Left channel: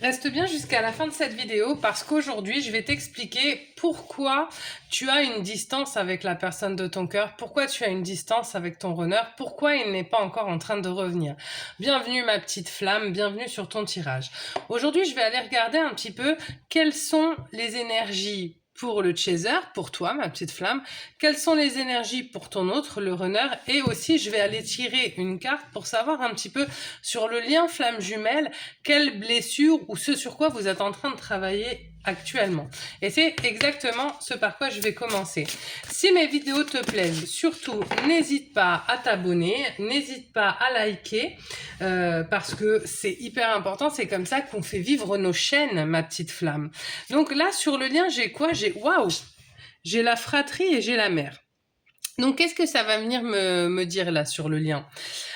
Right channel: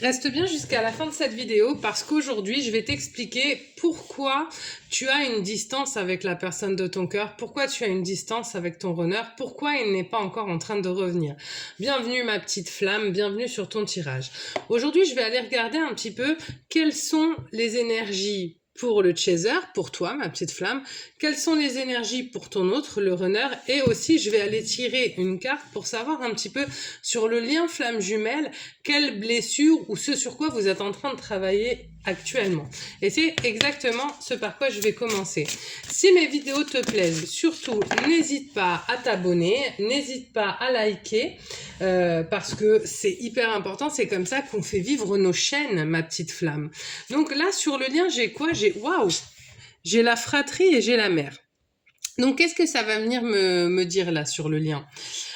Reste bien jusqu'à la fin de cette vidéo parce qu'aujourd'hui, je vais t'expliquer pourquoi tu as une distance avec la personne de ton cœur, pourquoi tu as une distance avec ton runner, pourquoi il n'est pas encore en train de revenir. Bienvenue ma petite flamme, bienvenue sur ton tirage. Aujourd'hui, je vais aller regarder un petit peu quelles sont les énergies pour le chaser, pour toi, ma petite flamme, quelles sont les énergies pour ton autre, le runner, et aussi je vais aller tirer une carte pour savoir un petit peu sur le lien flamme jumelle, quelle blessure ou ce sur quoi vous êtes en train de travailler actuellement. Et c'est exactement ce par quoi je vais commencer. Si mes vidéos te plaisent, surtout n'hésite pas à t'abonner, n'hésite pas à liker, parce que c'est hyper important, c'est comme ça qu'on fait vivre nos chaînes, ma petite flamme. Donc là, sur le lien, j'ai quoi? Waouh, j'ai la fratrie et j'ai la mère. Donc qu'est-ce que ça va venir me dire là sur le lien?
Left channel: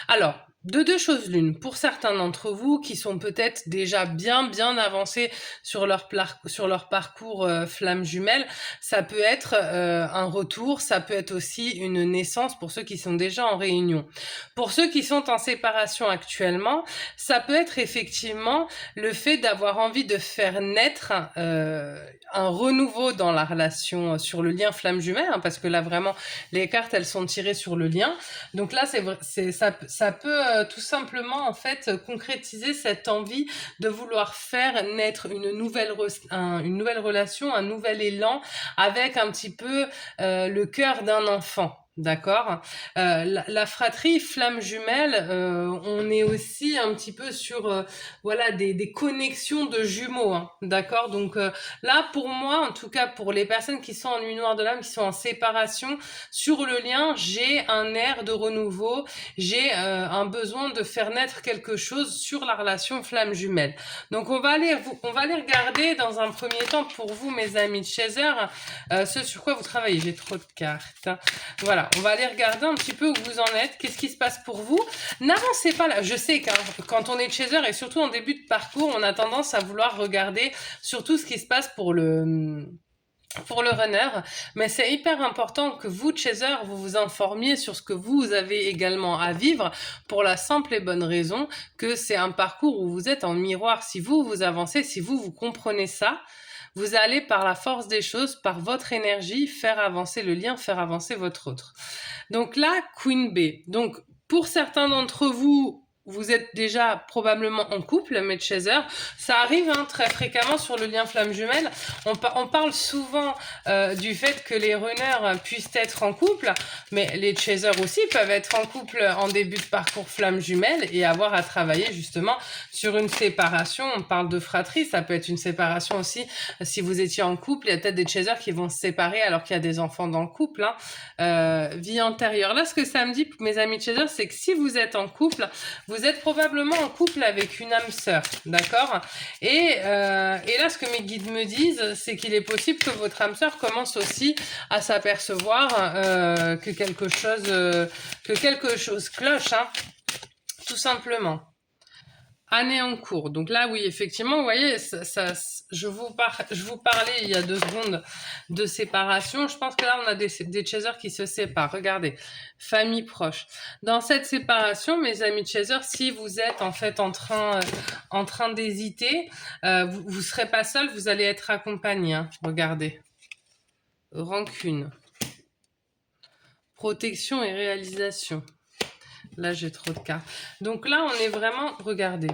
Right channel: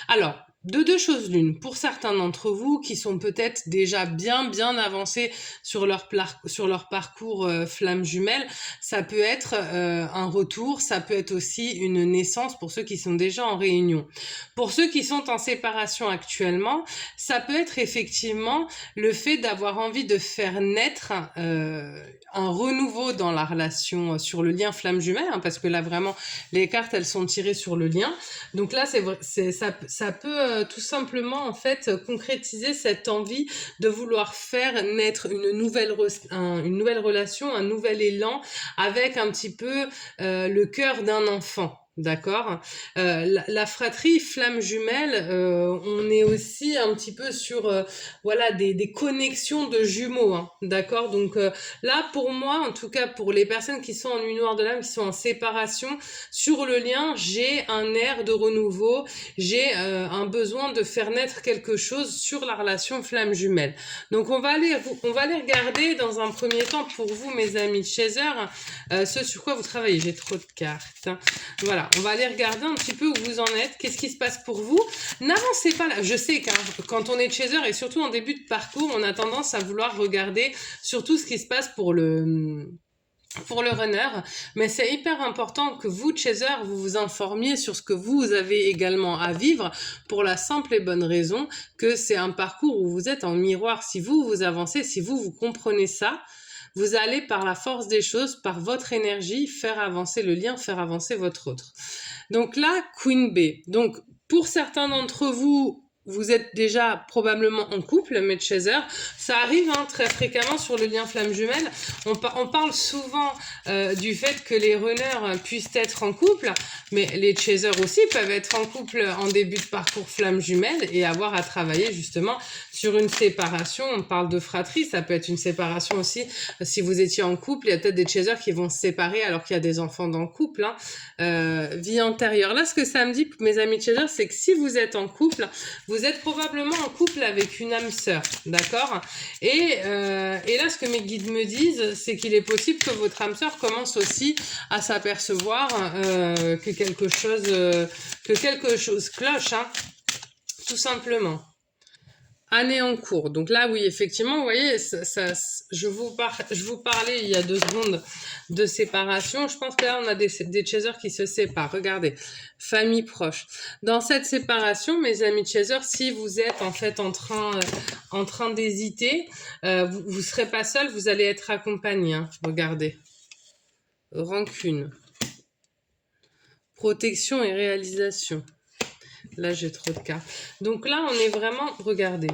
Alors, de deux choses l'une, pour certains d'entre vous qui sont peut-être déjà bien avancés sur leur parcours flamme jumelle, ça peut être un retour, ça peut être aussi une naissance pour ceux qui sont déjà en réunion. Pour ceux qui sont en séparation actuellement, ça peut être effectivement le fait d'avoir envie de faire naître un renouveau dans la relation sur le lien flamme jumelle, hein, parce que là vraiment les cartes elles sont tirées sur le lien. Donc là, ça peut tout simplement en fait concrétiser cette envie de vouloir faire naître une nouvelle relation, un nouvel élan avec un petit peu le cœur d'un enfant. D'accord. La fratrie flamme jumelle, on est aussi un petit peu sur voilà des connexions de jumeaux, hein, d'accord. Donc là pour moi, en tout cas pour les personnes qui sont en nuit noire de l'âme, qui sont en séparation, sur le lien, j'ai un air de renouveau, j'ai un besoin de faire naître quelque chose sur la relation flamme jumelle. Donc on va aller regarder dans un premier temps pour vous, mes amis de Chaser, ce sur quoi vous travaillez. J'ai trop de cartes. Voilà, on va aller regarder un petit peu où vous en êtes, qu'est-ce qui se passe pour vous. N'avancez pas là. Je sais que quand on est Chaser et surtout en début de parcours, on a tendance à vouloir regarder surtout ce qui se passe pour le runner, mais c'est hyper important que vous, chaser, vous vous informiez sur ce que vous avez également à vivre pour la simple et bonne raison que c'est un parcours où vous êtes en miroir. Si vous avancez, si vous comprenez ça, vous allez par la force des choses, par votre énergie, faire avancer le lien, faire avancer votre autre. Donc là, Queen B. Donc pour certains d'entre vous, vous êtes déjà probablement en couple, mes chasers. Ça arrive hein, très fréquemment sur le lien flamme jumelle. On parle souvent du fait que les runners puissent être en couple, mais les chasers aussi peuvent être en couple en début de parcours flamme jumelle et avoir à travailler justement sur une séparation. On parle de fratrie, ça peut être une séparation aussi. Si vous étiez en couple, il y a peut-être des chasers qui vont se séparer alors qu'il y a des enfants dans le couple. Hein. Vie antérieure. Là, ce que ça me dit, mes amis chasers, c'est que si vous êtes en couple, vous êtes probablement en couple avec une âme sœur, d'accord. Et là, ce que mes guides me disent, c'est qu'il est possible que votre âme sœur commence aussi à s'apercevoir que quelque chose cloche, hein, tout simplement. Année en cours. Donc là, oui, effectivement, vous voyez, je vous parlais il y a 2 secondes de séparation. Je pense que là, on a des chasers qui se séparent. Regardez, famille proche. Dans cette séparation, mes amis chasers, si vous êtes en fait en train d'hésiter, vous serez pas seul, vous allez être accompagné. Hein. Regardez, rancune, protection et réalisation. Là, j'ai trop de cartes. Donc là, on est vraiment... Regardez.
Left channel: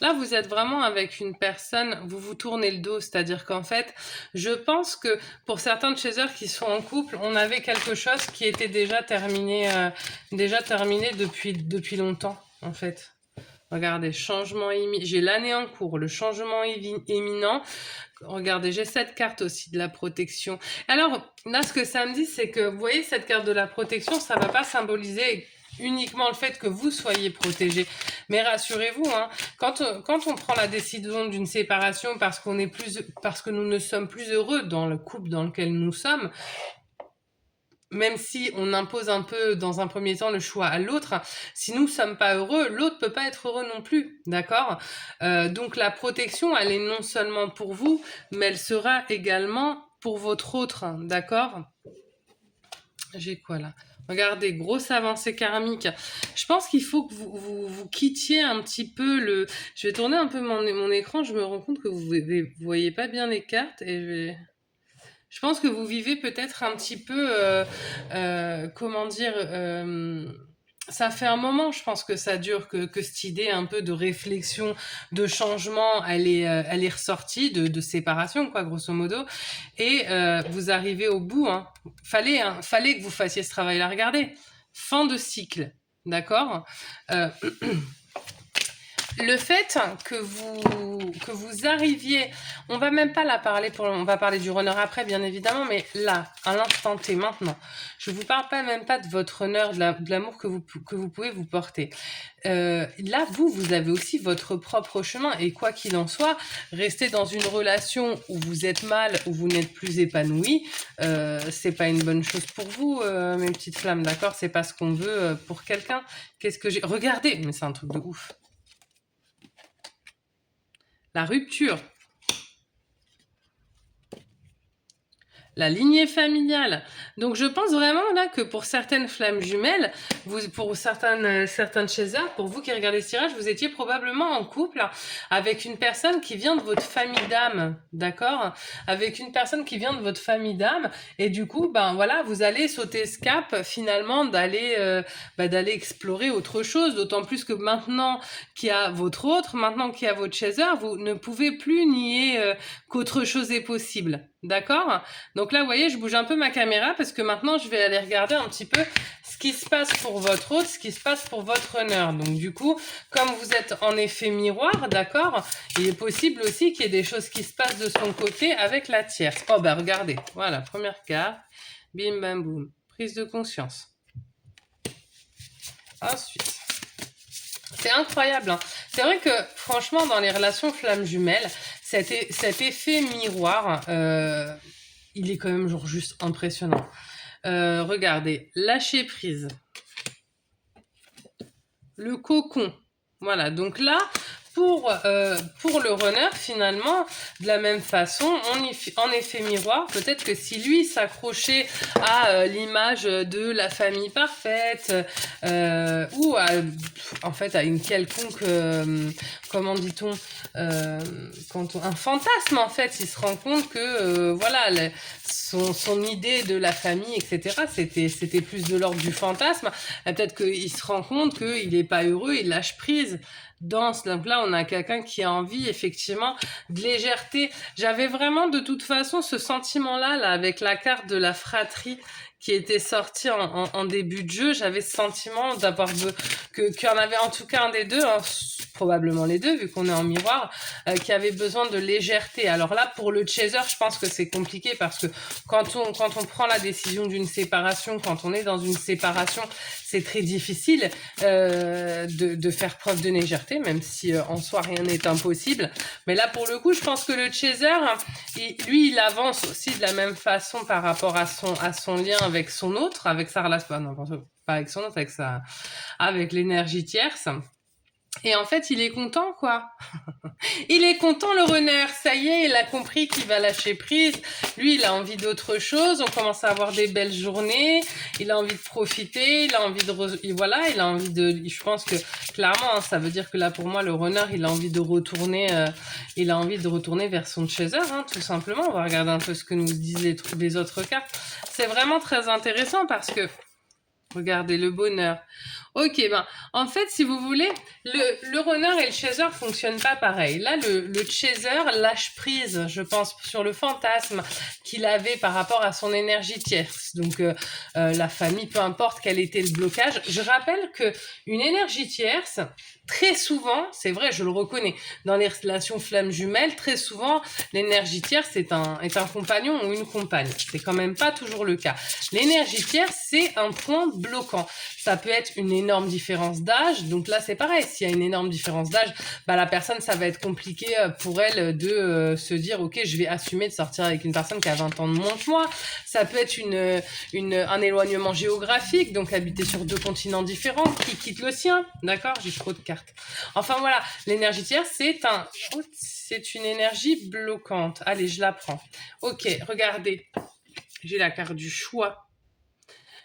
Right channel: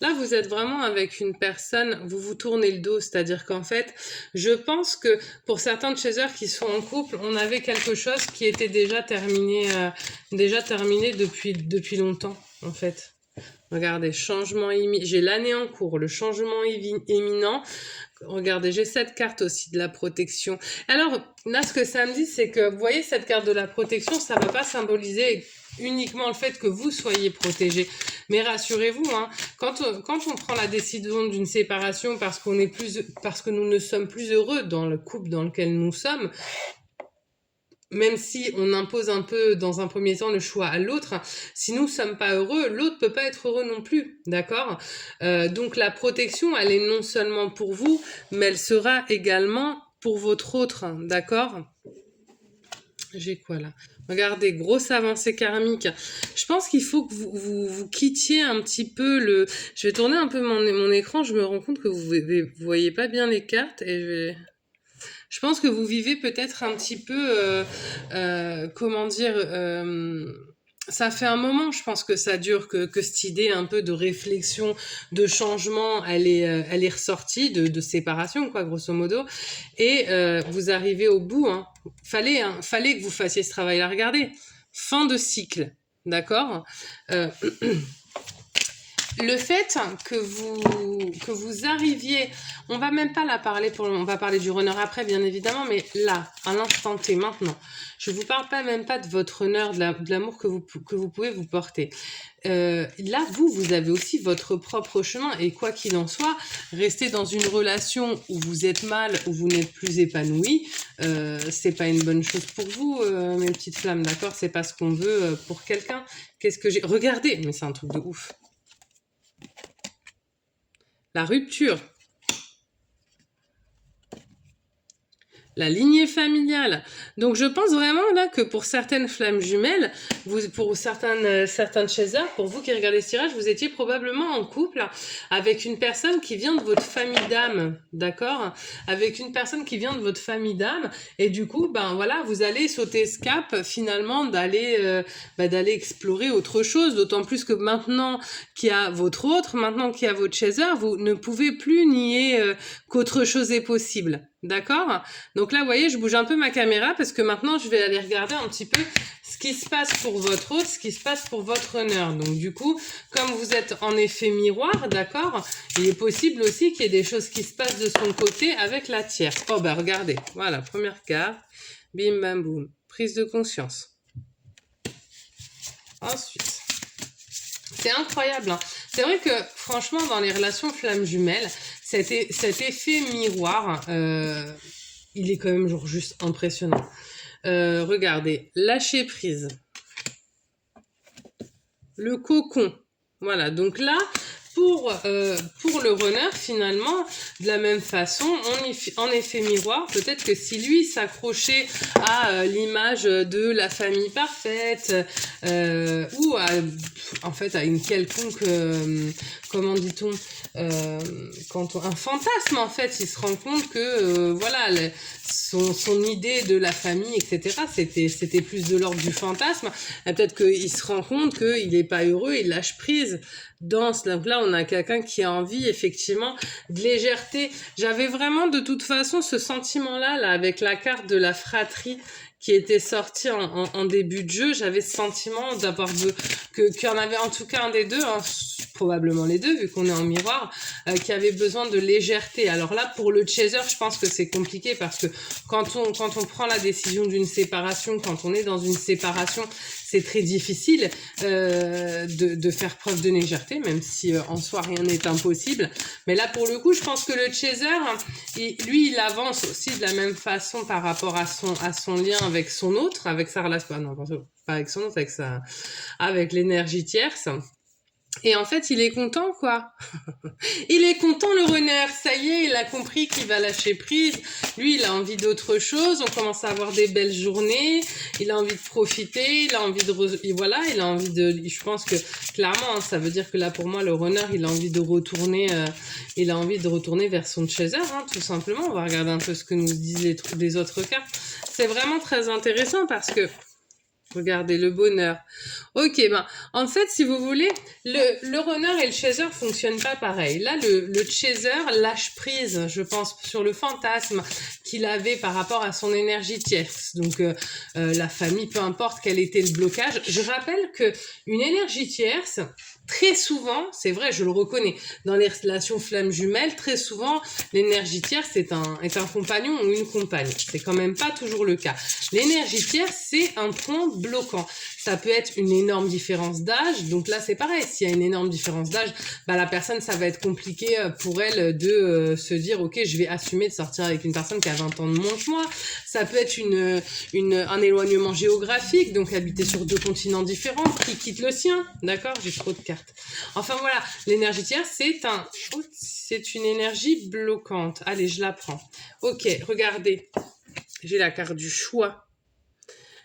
Là, vous êtes vraiment avec une personne, vous vous tournez le dos, c'est-à-dire qu'en fait, je pense que pour certains chasers qui sont en couple, on avait quelque chose qui était déjà terminé depuis longtemps, en fait. Regardez, changement imminent. J'ai l'année en cours, le changement imminent. Regardez, j'ai cette carte aussi de la protection. Alors, là, ce que ça me dit, c'est que, vous voyez, cette carte de la protection, ça ne va pas symboliser uniquement le fait que vous soyez protégé. Mais rassurez-vous, hein, quand on prend la décision d'une séparation parce que nous ne sommes plus heureux dans le couple dans lequel nous sommes, même si on impose un peu dans un premier temps le choix à l'autre, si nous ne sommes pas heureux, l'autre peut pas être heureux non plus, d'accord. Donc la protection, elle est non seulement pour vous, mais elle sera également pour votre autre, d'accord. J'ai quoi là? Regardez, grosse avancée karmique. Je pense qu'il faut que vous quittiez un petit peu le... Je vais tourner un peu mon écran, je me rends compte que vous voyez pas bien les cartes et je pense que vous vivez peut-être un petit peu, comment dire, ça fait un moment, je pense que ça dure, que cette idée un peu de réflexion, de changement, elle est ressortie, de séparation, quoi, grosso modo. Et vous arrivez au bout, hein. Fallait que vous fassiez ce travail-là. Regardez, fin de cycle, d'accord. Euh, le fait que vous arriviez, on va même pas la parler on va parler du runner après bien évidemment, mais là, à l'instant T, maintenant, je vous parle pas même pas de votre runner, de l'amour que vous pouvez vous porter. Là, vous avez aussi votre propre chemin et quoi qu'il en soit, rester dans une relation où vous êtes mal, où vous n'êtes plus épanoui, c'est pas une bonne chose pour vous, mes petites flammes, d'accord? C'est pas ce qu'on veut pour quelqu'un. Qu'est-ce que j'ai... Regardez, mais c'est un truc de ouf. La rupture, la lignée familiale. Donc je pense vraiment là que pour certaines flammes jumelles, pour certains chasers, pour vous qui regardez ce tirage, vous étiez probablement en couple avec une personne qui vient de votre famille d'âme, d'accord? Avec une personne qui vient de votre famille d'âme, et du coup, ben voilà, vous allez sauter ce cap finalement d'aller explorer autre chose, d'autant plus que maintenant qu'il y a maintenant qu'il y a votre chaser, vous ne pouvez plus nier qu'autre chose est possible, d'accord? Donc là, vous voyez, je bouge un peu ma caméra parce que maintenant, je vais aller regarder un petit peu ce qui se passe pour votre hôte, ce qui se passe pour votre runner. Donc du coup, comme vous êtes en effet miroir, d'accord, il est possible aussi qu'il y ait des choses qui se passent de son côté avec la tierce. Oh bah regardez, voilà, première carte, bim bam boum, prise de conscience. Ensuite, c'est incroyable, hein. C'est vrai que franchement, dans les relations flammes jumelles, cet effet miroir, il est quand même genre juste impressionnant. Regardez, lâcher prise, le cocon. Voilà, donc là, pour le runner, finalement, de la même façon, en effet miroir, peut-être que si lui s'accrochait à l'image de la famille parfaite, ou en fait à une quelconque, comment dit-on, un fantasme, en fait, il se rend compte que, voilà, son idée de la famille, etc., c'était plus de l'ordre du fantasme. Et peut-être qu'il se rend compte qu'il n'est pas heureux, il lâche prise. Donc là, on a quelqu'un qui a envie, effectivement, de légèreté. J'avais vraiment, de toute façon, ce sentiment-là, là, avec la carte de la fratrie qui était sortie en début de jeu. J'avais ce sentiment qu'il y en avait en tout cas un des deux, hein, probablement les deux, vu qu'on est en miroir, qui avait besoin de légèreté. Alors là, pour le chaser, je pense que c'est compliqué parce que quand on prend la décision d'une séparation, quand on est dans une séparation, c'est très difficile de faire preuve de légèreté, même si en soi rien n'est impossible. Mais là, pour le coup, je pense que le chaser, lui, il avance aussi de la même façon par rapport à son lien avec son autre, avec sa relation, non, pas avec son autre, avec l'énergie tierce. Et en fait, il est content, quoi. Il est content, le runner. Ça y est, il a compris qu'il va lâcher prise. Lui, il a envie d'autre chose. On commence à avoir des belles journées. Il a envie de profiter. Il a envie voilà, il a envie de... Je pense que, clairement, hein, ça veut dire que là, pour moi, le runner, il a envie de retourner, vers son chaser, hein, tout simplement. On va regarder un peu ce que nous disent les autres cartes. C'est vraiment très intéressant parce que, regardez, le bonheur. Ok, ben, en fait, si vous voulez, le runner et le chaser fonctionnent pas pareil. Là, le chaser lâche prise, je pense, sur le fantasme qu'il avait par rapport à son énergie tierce. Donc, la famille, peu importe quel était le blocage. Je rappelle que une énergie tierce, très souvent, c'est vrai, je le reconnais, dans les relations flammes jumelles, très souvent, l'énergie tierce est un compagnon ou une compagne. C'est quand même pas toujours le cas. L'énergie tierce, c'est un point bloquant. Ça peut être une énorme différence d'âge. Donc là, c'est pareil. S'il y a une énorme différence d'âge, bah, la personne, ça va être compliqué pour elle de se dire, OK, je vais assumer de sortir avec une personne qui a 20 ans de moins que moi. Ça peut être un éloignement géographique, donc habiter sur 2 continents différents, qui quitte le sien. D'accord? J'ai trop de cartes. Enfin, voilà. L'énergie tierce, c'est une énergie bloquante. Allez, je la prends. OK, regardez. J'ai la carte du choix.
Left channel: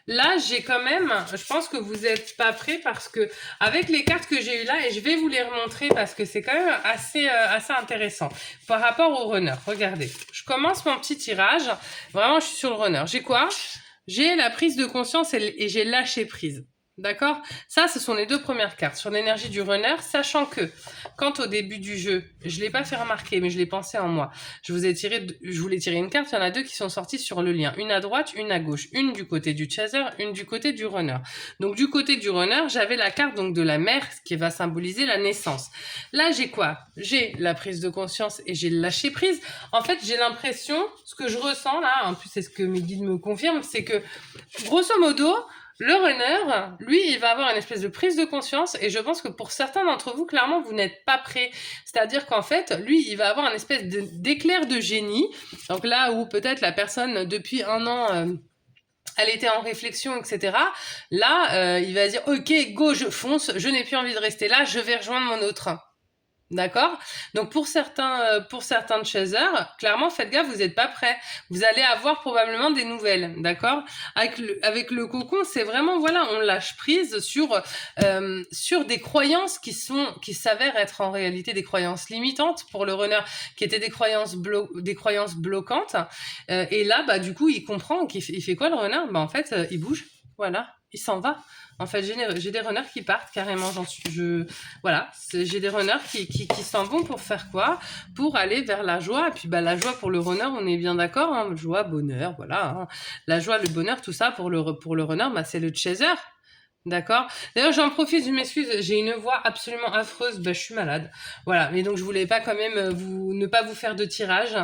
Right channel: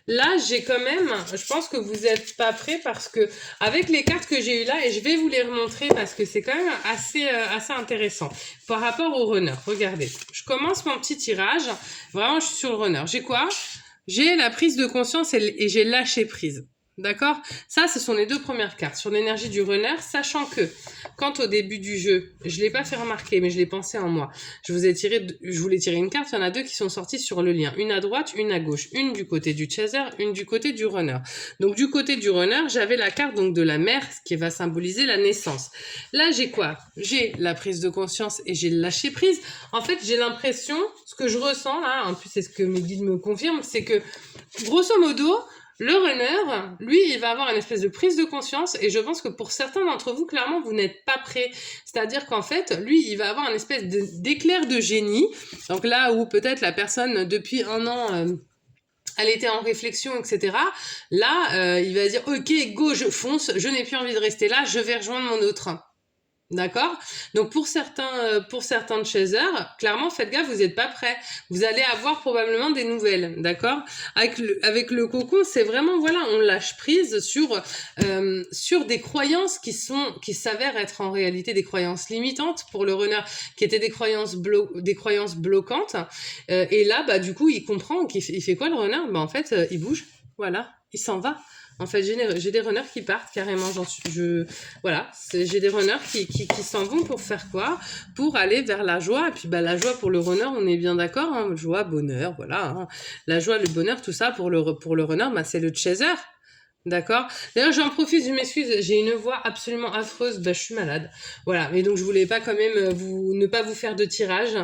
Là, j'ai quand même, je pense que vous n'êtes pas prêts parce que avec les cartes que j'ai eues là, et je vais vous les remontrer parce que c'est quand même assez intéressant par rapport au runner. Regardez, je commence mon petit tirage. Vraiment, je suis sur le runner. J'ai quoi? J'ai la prise de conscience et j'ai lâché prise. D'accord? Ça, ce sont les deux premières cartes sur l'énergie du runner, sachant que quand au début du jeu, je ne l'ai pas fait remarquer, mais je l'ai pensé en moi. Je voulais tirer une carte, il y en a deux qui sont sorties sur le lien. Une à droite, une à gauche. Une du côté du chaser, une du côté du runner. Donc du côté du runner, j'avais la carte donc de la mère, ce qui va symboliser la naissance. Là, j'ai quoi? J'ai la prise de conscience et j'ai le lâcher prise. En fait, j'ai l'impression, ce que je ressens là, en plus c'est ce que mes guides me confirment, c'est que grosso modo, le runner, lui, il va avoir une espèce de prise de conscience et je pense que pour certains d'entre vous, clairement, vous n'êtes pas prêts. C'est-à-dire qu'en fait, lui, il va avoir une espèce d'éclair de génie. Donc là où peut-être la personne, depuis un an, elle était en réflexion, etc. Là, il va dire, ok, go, je fonce, je n'ai plus envie de rester là, je vais rejoindre mon autre. D'accord? Donc pour certains chasers, clairement, faites gaffe, vous n'êtes pas prêts. Vous allez avoir probablement des nouvelles, d'accord? Avec le cocon, c'est vraiment, voilà, on lâche prise sur des croyances qui s'avèrent être en réalité des croyances limitantes pour le runner, qui étaient des croyances bloquantes. Et là, bah, du coup, il comprend qu'il fait quoi le runner? Bah, en fait, il bouge, voilà, il s'en va. En fait, j'ai des runners qui partent carrément. Voilà, j'ai des runners qui s'en vont pour faire quoi? Pour aller vers la joie. Et puis, bah, la joie pour le runner, on est bien d'accord. Hein, joie, bonheur, voilà. Hein. La joie, le bonheur, tout ça pour le runner, bah, c'est le chaser. D'accord. D'ailleurs, j'en profite, je m'excuse, j'ai une voix absolument affreuse, bah, je suis malade. Voilà, mais donc je voulais pas quand même ne pas vous faire de tirage.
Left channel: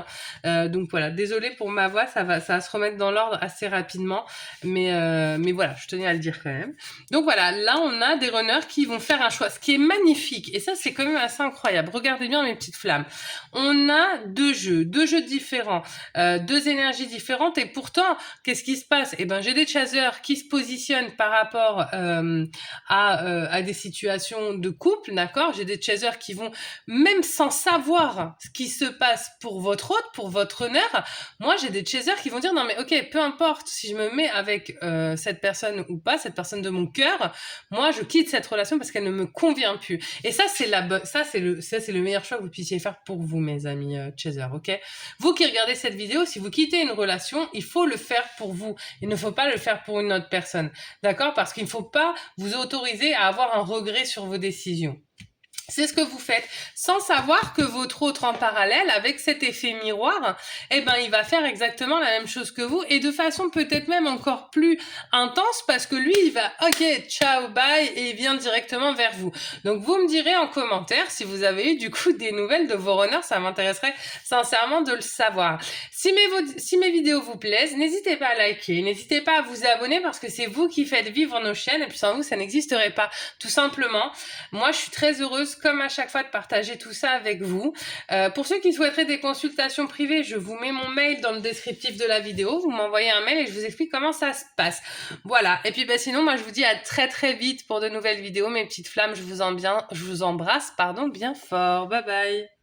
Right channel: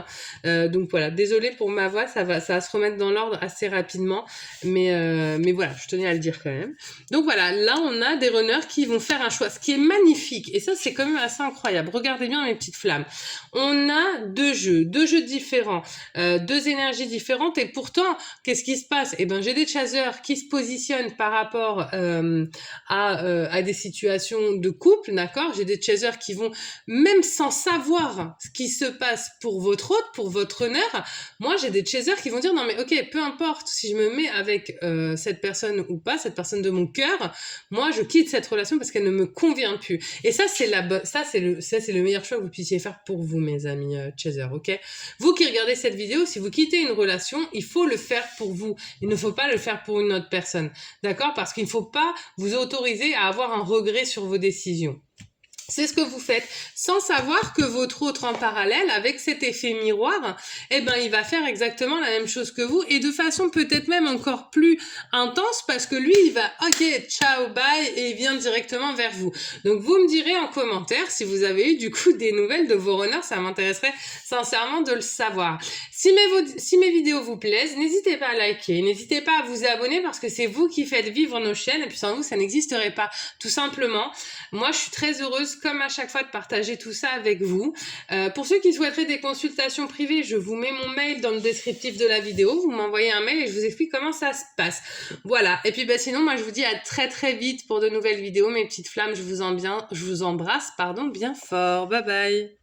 Donc voilà, désolée pour ma voix, ça va se remettre dans l'ordre assez rapidement, mais voilà, je tenais à le dire quand même. Donc voilà, là on a des runners qui vont faire un choix, ce qui est magnifique, et ça c'est quand même assez incroyable. Regardez bien mes petites flammes. On a deux jeux différents, deux énergies différentes, et pourtant, qu'est-ce qui se passe? Eh ben, j'ai des chasers qui se positionnent par rapport à des situations de couple, d'accord? J'ai des chasers qui vont, même sans savoir ce qui se passe pour votre hôte, pour votre runner, moi j'ai des chasers qui vont dire non mais ok, peu importe si je me mets avec cette personne ou pas, cette personne de mon cœur, moi je quitte cette relation parce qu'elle ne me convient plus. Et ça c'est le meilleur choix que vous puissiez faire pour vous, mes amis chasers, ok? Vous qui regardez cette vidéo, si vous quittez une relation, il faut le faire pour vous. Il ne faut pas le faire pour une autre personne, d'accord? Parce qu'il ne faut pas vous autoriser à avoir un regret sur vos décisions. C'est ce que vous faites, sans savoir que votre autre en parallèle, avec cet effet miroir, eh ben, il va faire exactement la même chose que vous, et de façon peut-être même encore plus intense, parce que lui, il va, ok, ciao, bye, et il vient directement vers vous. Donc, vous me direz en commentaire si vous avez eu, du coup, des nouvelles de vos runners, ça m'intéresserait sincèrement de le savoir. Si mes vidéos vous plaisent, n'hésitez pas à liker, n'hésitez pas à vous abonner, parce que c'est vous qui faites vivre nos chaînes, et puis sans vous, ça n'existerait pas, tout simplement. Moi, je suis très heureuse, comme à chaque fois, de partager tout ça avec vous. Pour ceux qui souhaiteraient des consultations privées, je vous mets mon mail dans le descriptif de la vidéo. Vous m'envoyez un mail et je vous explique comment ça se passe. Voilà. Et puis, bah, sinon, moi, je vous dis à très très vite pour de nouvelles vidéos. Mes petites flammes, je vous embrasse, bien fort. Bye bye.